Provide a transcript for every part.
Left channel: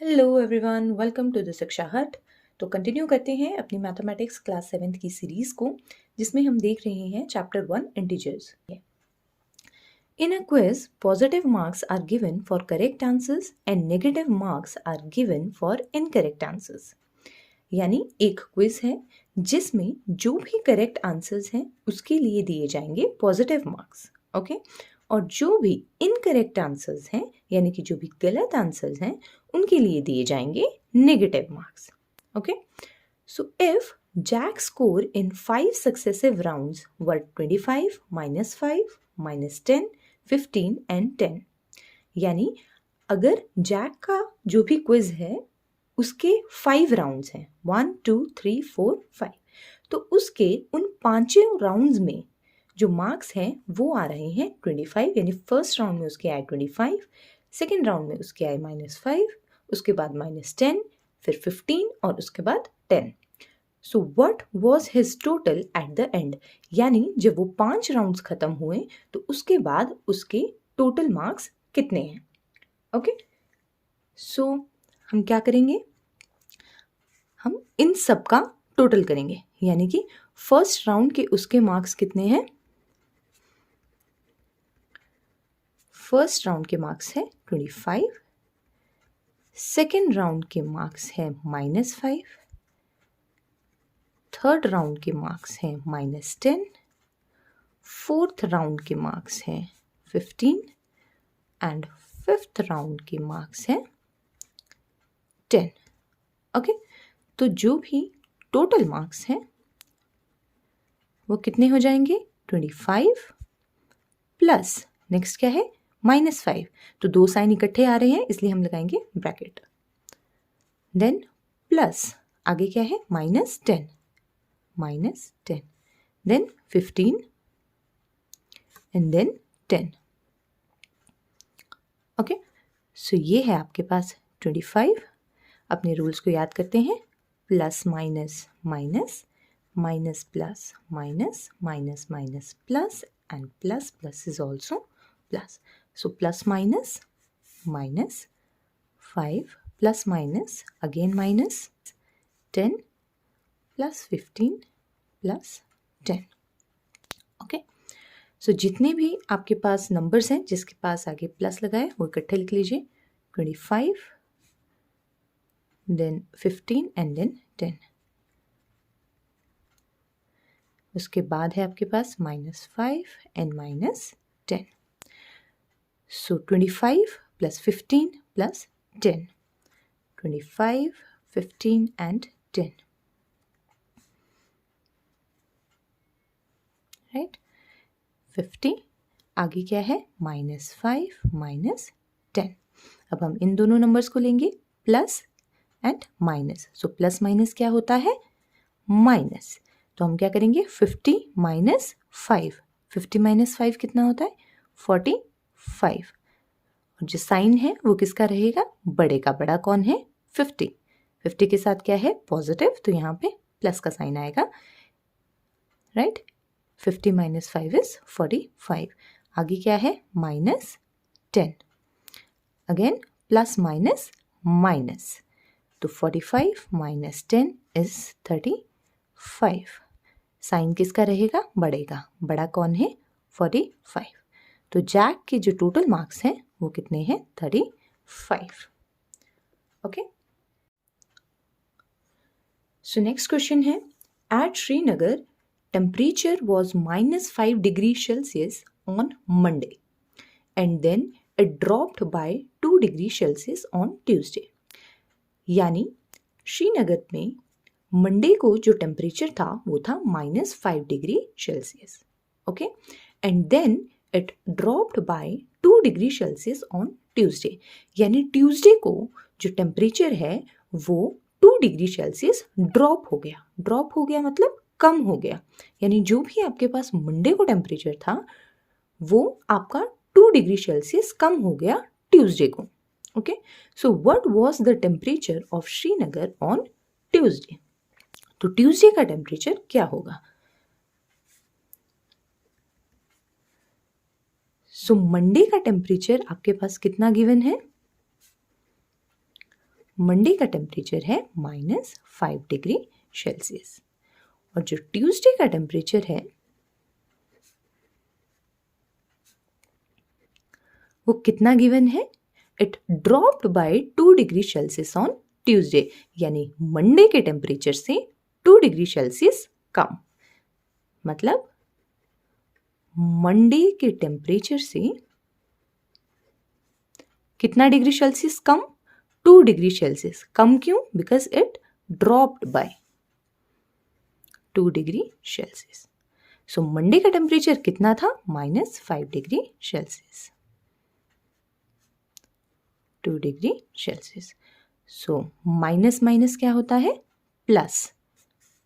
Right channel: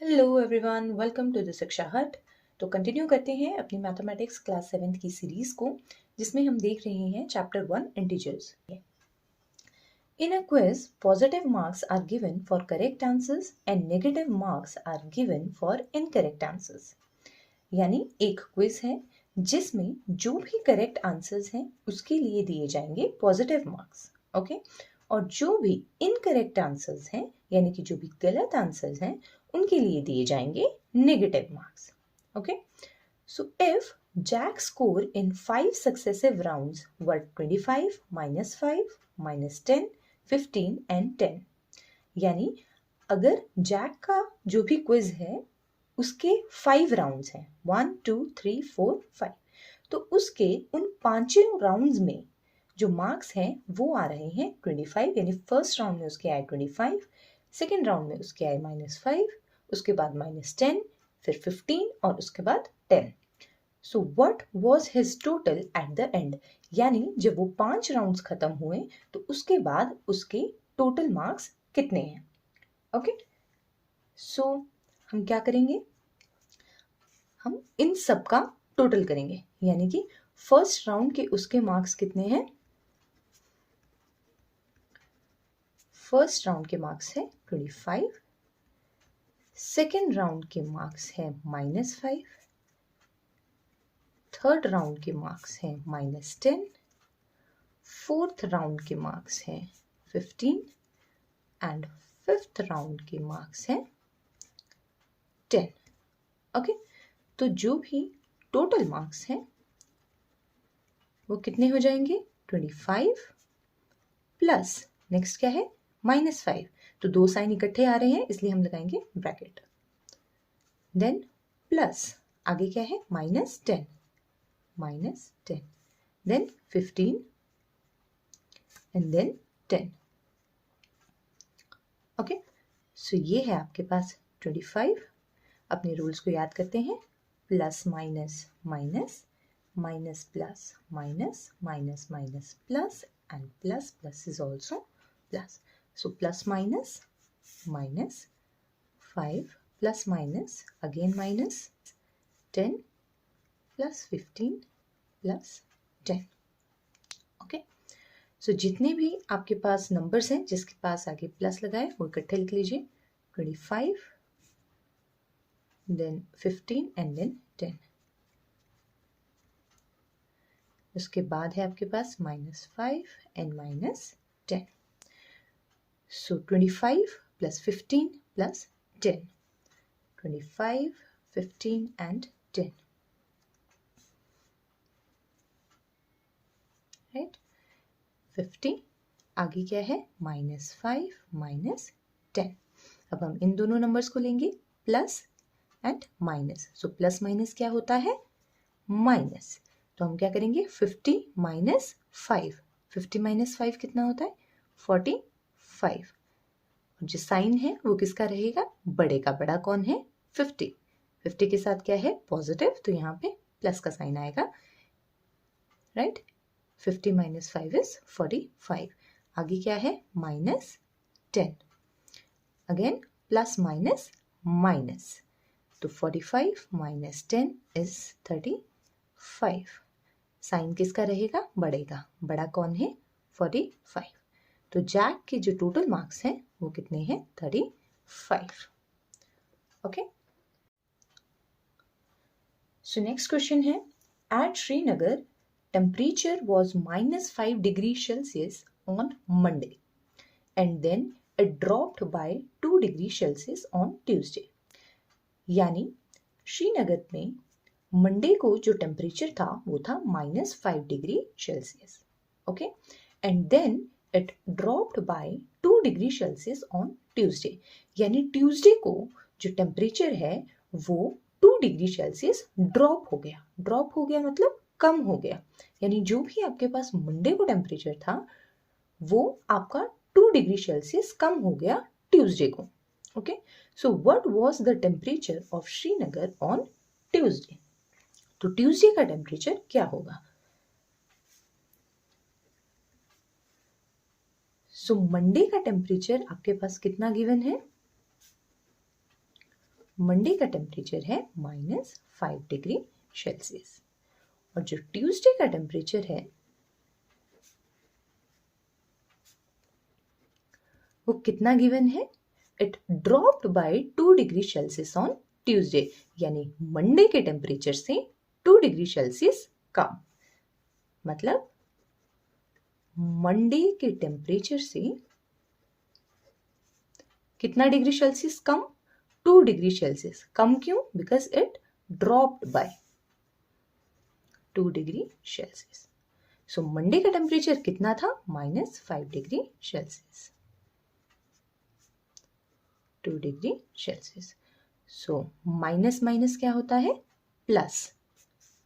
Hello everyone, welcome to the Shiksha hut. तो continue करते हैं अपनी मैथमेटिक्स क्लास 7th की सीरीज को, जिसमें हम देख रहे हैं chapter 1 integers. In a quiz positive marks are given for correct answers and negative marks are given for incorrect answers. यानी एक क्विज है जिसमें जो भी करेक्ट आंसर्स हैं उसके लिए दिए जाएंगे पॉजिटिव मार्क्स, ओके। और जो भी इनकरेक्ट आंसर्स हैं यानी कि जो भी गलत आंसर्स हैं उनके लिए दिए जाएंगे negative marks, okay. So if Jack's score in 5 successive rounds were 25, -5, -10, 15 and 10। यानी अगर जैक का जो भी क्विज है उसके 5 राउंड्स हैं, 1 2 3 4 5, तो उसके उन पांचों राउंड्स में जो मार्क्स हैं वो आ रहे हैं 25। यानी फर्स्ट राउंड में उसके आए 25, सेकेंड राउंड में उसके आए -5, उसके बाद -10, फिर 15 और उसके बाद 10। So what was his total at the end. यानी जब वो 5 राउंड्स खत्म हुए तो उसके बाद उसके टोटल मार्क्स कितने हैं, ओके। सो हम क्या करेंगे, हम इन सब का टोटल करेंगे। यानी कि फर्स्ट राउंड के उसके मार्क्स कितने हैं, फर्स्ट राउंड के मार्क्स है 25, सेकेंड राउंड के मार्क्स है -5, थर्ड राउंड के मार्क्स हैं -10, फोर्थ राउंड के मार्क्स हैं 15 एंड फिफ्थ राउंड के मार्क्स हैं 10, ओके। तो जो भी टोटल मार्क्स हैं वो कितने हो जाएंगे, 25 प्लस नेक्स्ट क्या है -5। तो दो साइन इकट्ठे आ रहे हैं इसलिए हम लगाएंगे ब्रैकेट, देन प्लस आगे क्या है -10, देन 15 एंड देन 10, ओके। सो ये है आपके पास 25। अपने रूल्स को याद करते हैं, plus minus minus, minus plus minus, minus minus plus and plus plus is also plus. So plus minus minus 5 plus minus again minus 10 plus 15 plus 10, okay. So जितने भी आपके पास नंबर्स हैं जिसके पास आगे प्लस लगा है वो इकट्ठे लिख लीजिए, 25 देन 15 एंड देन 10। उसके बाद है आपके पास -5 and -10। So 25 plus 15 plus 10, 25 15 and 10, right. 50 आगे क्या है -5 -10। अब हम इन दोनों नंबर्स को लेंगे plus and minus. So plus minus क्या होता है, माइनस। तो हम क्या करेंगे 50 -5, 50 -5 कितना होता है 45। और जो साइन है वो किसका रहेगा, बड़े का। बड़ा कौन है 50, 50 के साथ क्या है पॉजिटिव, तो यहाँ पे प्लस का साइन आएगा, राइट। 50 -5 इज 45। आगे क्या है -10, अगेन प्लस माइनस माइनस, तो 45 -10 इज 35। साइन किसका रहेगा, बड़े का। बड़ा कौन है 45। तो जैक के जो टोटल मार्क्स हैं वो कितने हैं 35, ओके। सो नेक्स्ट क्वेश्चन है, at Srinagar temperature was -5 degree Celsius on Monday and then it dropped by 2 degree Celsius on Tuesday. यानी श्रीनगर में मंडे को जो टेम्परेचर था वो था -5 degree Celsius, okay. And then it dropped by 2 degree Celsius on Tuesday. यानी Tuesday को जो टेम्परेचर है वो 2 डिग्री सेल्सियस ड्रॉप हो गया। ड्रॉप हो गया मतलब कम हो गया। यानी जो भी आपके पास मंडे को टेम्परेचर था वो आपका 2 डिग्री सेल्सियस कम हो गया ट्यूसडे को, okay. So what was the temperature of Srinagar on Tuesday. तो ट्यूसडे का टेम्परेचर क्या होगा। सो मंडे का टेम्परेचर आपके पास कितना गिवन है, मंडे का टेम्परेचर है -5 डिग्री सेल्सियस और जो ट्यूसडे का टेम्परेचर है वो कितना गिवन है? It dropped by 2 degree Celsius on Tuesday, यानी मंडे के टेम्परेचर से 2 डिग्री सेल्सियस कम। मतलब मंडे के टेम्परेचर से कितना डिग्री सेल्सियस कम? 2 डिग्री सेल्सियस कम। क्यों? Because it dropped by 2 degree Celsius. So Monday का टेम्परेचर कितना था? -5 degree Celsius, 2 degree Celsius. So minus minus क्या होता है? प्लस।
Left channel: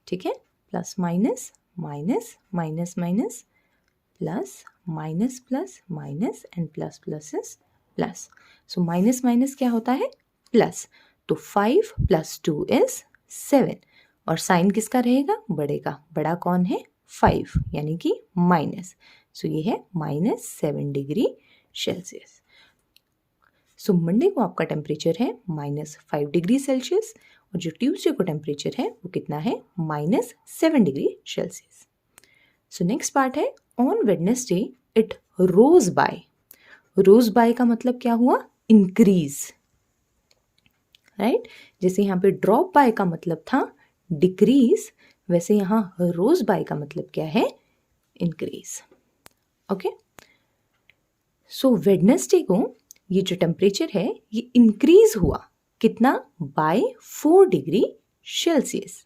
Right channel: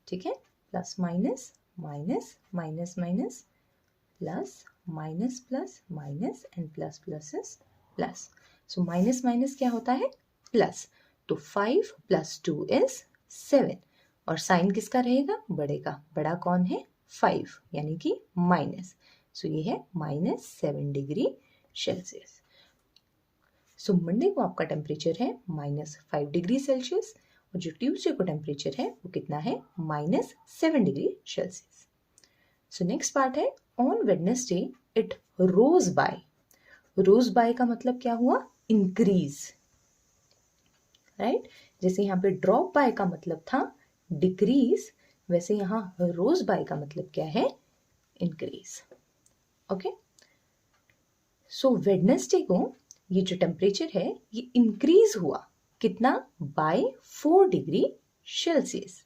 ठीक है, plus minus minus minus minus plus minus plus minus and plus plus is plus. So minus minus क्या होता है? प्लस। तो 5 + 2 इज 7 और साइन किसका रहेगा? बड़े का। बड़ा कौन है? 5, यानी कि माइनस। सो ये है -7 डिग्री सेल्सियस। सो मंडे को आपका टेम्परेचर है -5 डिग्री सेल्सियस और जो ट्यूसडे को टेम्परेचर है वो कितना है? -7 degree Celsius. So next part है on Wednesday it rose by. Rose by का मतलब क्या हुआ? Increase, right? जैसे यहाँ पे ड्रॉप बाय का मतलब था डिक्रीज, वैसे यहाँ रोज बाय का मतलब क्या है? इंक्रीज। ओके, सो वेडनेसडे को ये जो टेम्परेचर है ये इंक्रीज हुआ कितना? By 4 degree Celsius.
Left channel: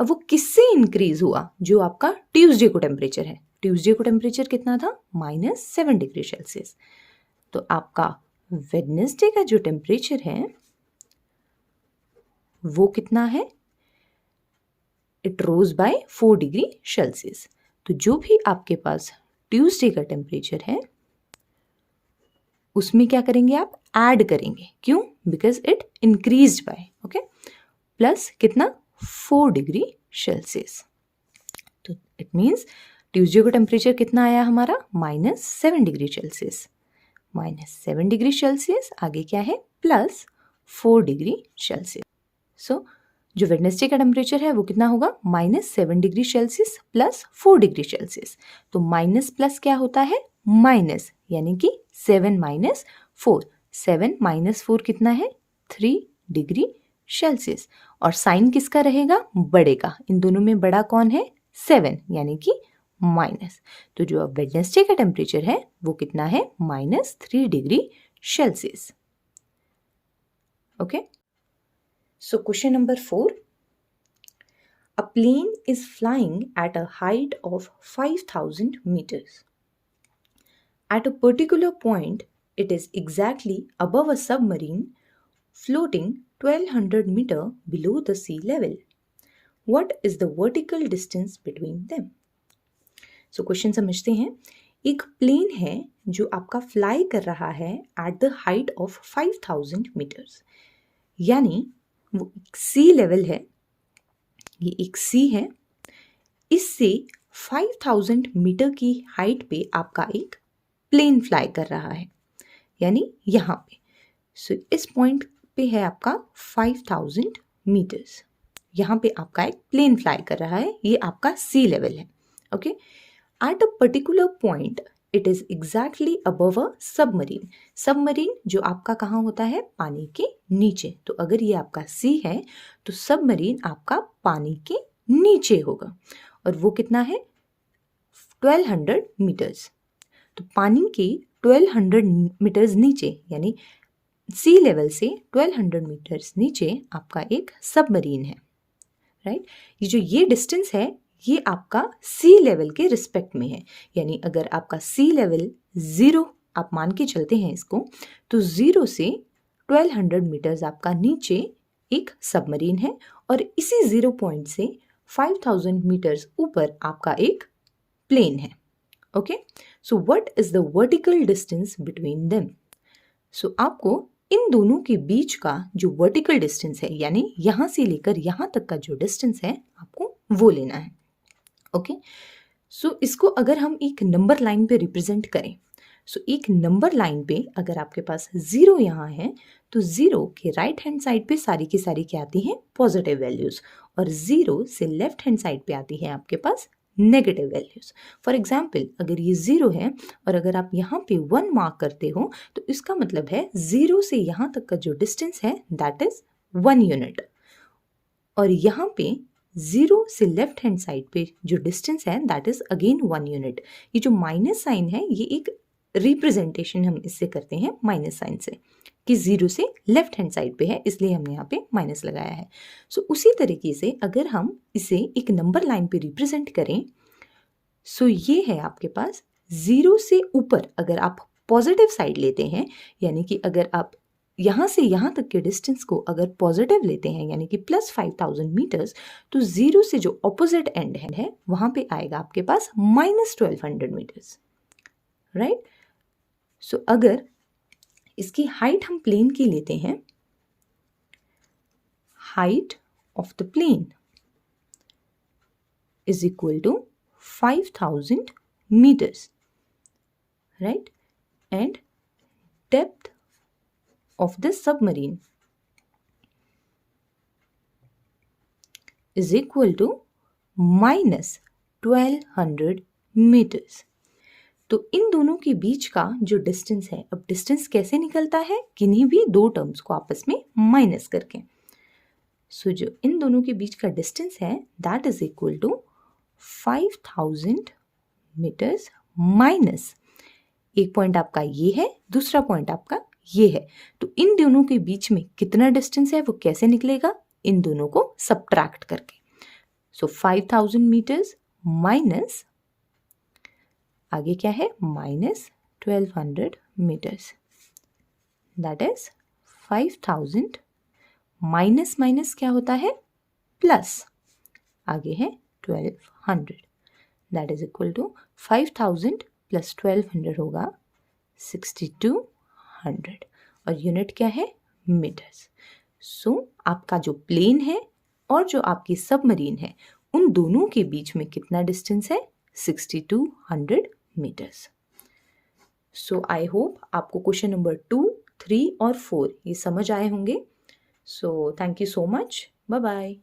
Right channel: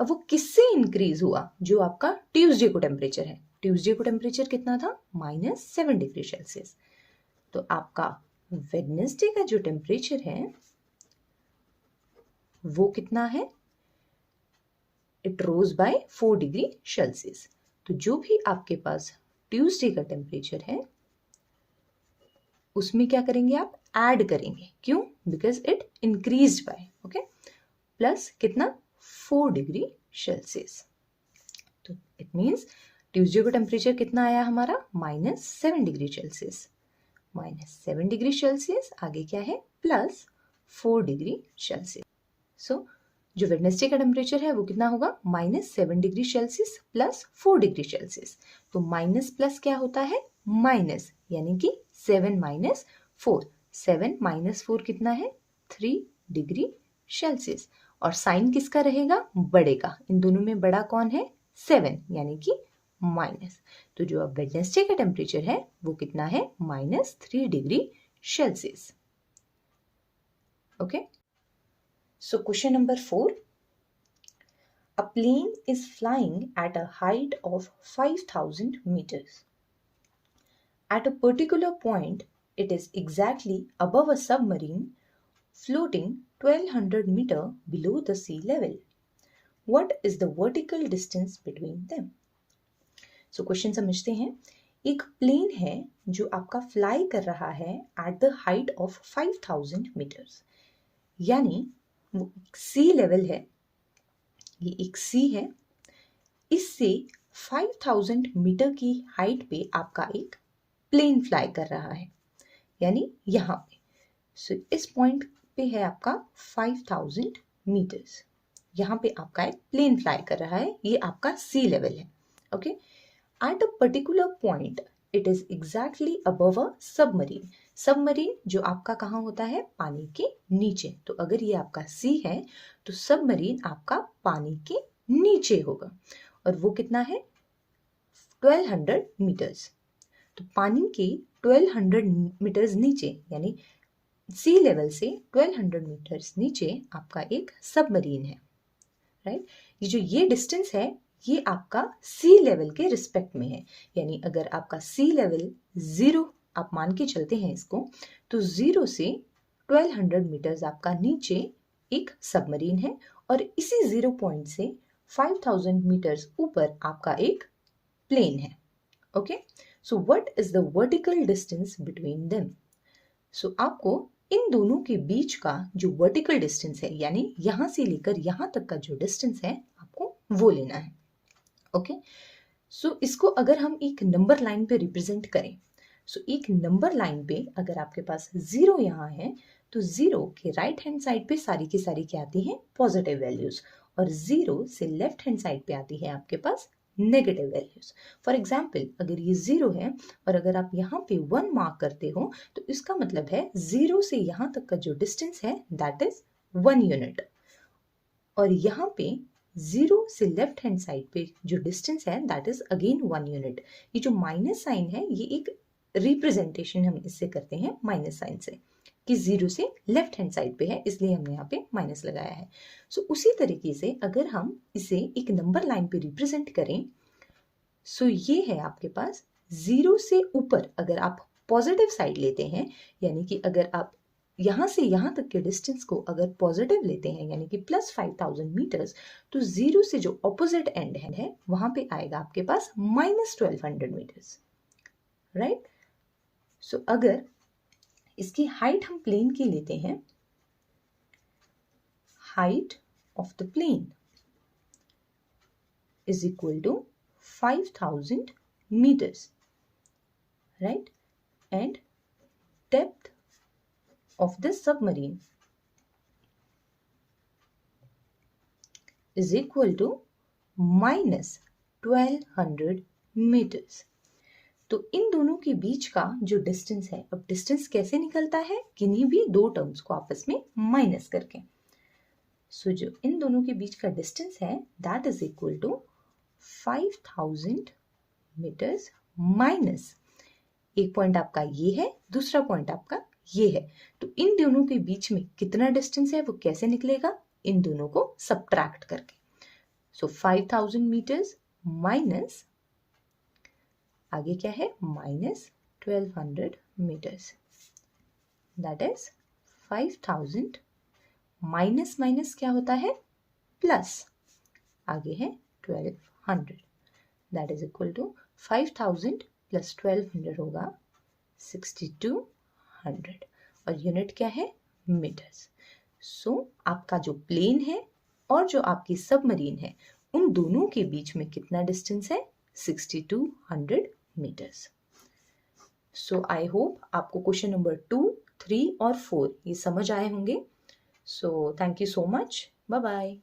अब वो किससे इंक्रीज हुआ? जो आपका ट्यूसडे को टेम्परेचर है। ट्यूसडे को टेम्परेचर कितना था? -7 डिग्री सेल्सियस। तो आपका वेडनेसडे का जो टेम्परेचर है वो कितना है? It rose by 4 degree Celsius. तो जो भी आपके पास ट्यूसडे का टेम्परेचर है उसमें क्या करेंगे आप? ऐड करेंगे। क्यों? Because it increased by, okay, plus कितना? 4 डिग्री सेल्सियस। तो इट मीन्स ट्यूसडे को टेम्परेचर कितना आया हमारा? -7 डिग्री सेल्सियस। -7 डिग्री सेल्सियस आगे क्या है? +4 डिग्री सेल्सियस। सो जो वेडनेसडे का टेम्परेचर है वो कितना होगा? -7 डिग्री सेल्सियस +4 डिग्री सेल्सियस। तो माइनस प्लस क्या होता है? माइनस, यानी कि 7 - 4। 7 - 4 कितना है? 3 डिग्री सेल्सियस। और साइन किसका रहेगा? बड़े का। इन दोनों में बड़ा कौन है? 7, यानी कि माइनस। तो जो अब वेडनेसडे का टेम्परेचर है वो कितना है? -3 degree Celsius. Okay, so question number 4, a plane is flying at a height of 5000 meters. At a particular point, it is exactly above a submarine floating 1200 meter below the sea level. What is the vertical distance between them? So question समझते हैं। एक plane है जो आपका fly कर रहा है at the height of 5000 meters, यानी वो सी लेवल है, ये एक सी है, इससे 5000 मीटर की हाइट पे आपका एक प्लेन फ्लाई कर रहा है, यानी यहाँ पे। सो इस पॉइंट पे है आपका 5000 मीटर्स, यहाँ पे आपका एक प्लेन फ्लाई कर रहा है, ये आपका सी लेवल है। Okay, at a particular point it is exactly above a submarine. Submarine जो आपका कहाँ होता है? पानी के नीचे। तो अगर ये आपका सी है तो सबमरीन आपका पानी के नीचे होगा और वो कितना है? 1200 मीटर्स। तो पानी के 1200 मीटर्स नीचे, यानी सी लेवल से 1200 मीटर्स नीचे आपका एक सबमरीन है, राइट? ये डिस्टेंस है ये आपका सी लेवल के रिस्पेक्ट में है, यानी अगर आपका सी लेवल 0 आप मान के चलते हैं इसको, तो 0 से 1200 मीटर्स आपका नीचे एक सबमरीन है और इसी 0 पॉइंट से 5000 मीटर्स ऊपर आपका एक प्लेन है। Okay, so what is the vertical distance between them? So आपको इन दोनों के बीच का जो वर्टिकल डिस्टेंस है, यानी यहां से लेकर यहां तक का जो डिस्टेंस है आपको वो लेना है। ओके, सो इसको अगर हम एक नंबर लाइन पे रिप्रेजेंट करें सो एक नंबर लाइन पे अगर आपके पास 0 यहाँ है तो 0 के राइट हैंड साइड पे सारी की सारी क्या आती हैं, पॉजिटिव वैल्यूज, और 0 से लेफ्ट हैंड साइड पे आती है आपके पास नेगेटिव वैल्यूज। फॉर एग्जाम्पल अगर ये 0 है और अगर आप यहाँ पे 1 मार्क करते हो तो इसका मतलब है 0 से यहाँ तक का जो डिस्टेंस है दैट इज 1 यूनिट, और यहाँ पे 0 से लेफ्ट हैंड साइड पे जो डिस्टेंस है दैट इज अगेन 1 यूनिट। ये जो माइनस साइन है ये एक रिप्रेजेंटेशन हम इससे करते हैं माइनस साइन से, कि 0 से लेफ्ट हैंड साइड पे है इसलिए हमने यहाँ पे माइनस लगाया है। सो उसी तरीके से अगर हम इसे एक नंबर लाइन पे रिप्रेजेंट करें, सो ये है आपके पास 0 से ऊपर अगर आप पॉजिटिव साइड लेते हैं, यानी कि अगर आप यहाँ से यहाँ तक के डिस्टेंस को अगर पॉजिटिव लेते हैं यानी कि प्लस 5000 मीटर्स, तो 0 से जो ऑपोजिट एंड है वहाँ पे आएगा आपके पास माइनस 1200 मीटर्स, राइट। सो अगर इसकी हाइट हम प्लेन की लेते हैं, height of the plane is equal to 5000 meters, right? And depth of the submarine is equal to minus 1200 meters. तो इन दोनों के बीच का जो डिस्टेंस है, अब डिस्टेंस कैसे निकलता है, किन्हीं भी दो टर्म्स को आपस में माइनस करके। सो जो इन दोनों के बीच का डिस्टेंस है that is equal to 5000 meters minus एक पॉइंट आपका ये है, दूसरा पॉइंट आपका ये है, तो इन दोनों के बीच में कितना डिस्टेंस है वो कैसे निकलेगा, इन दोनों को सब्ट्रैक्ट करके। सो 5000 मीटर्स माइनस आगे क्या है, minus 1200 meters, that is 5000 minus minus क्या होता है, प्लस आगे है 1200, that is equal to 5000 plus 1200 होगा 6200, और यूनिट क्या है, मीटर्स। सो आपका जो प्लेन है और जो आपकी सबमरीन है उन दोनों के बीच में कितना डिस्टेंस है, 6200 मीटर्स। सो आई होप आपको क्वेश्चन नंबर 2, 3 और 4 ये समझ आए होंगे। So thank you so much, bye bye.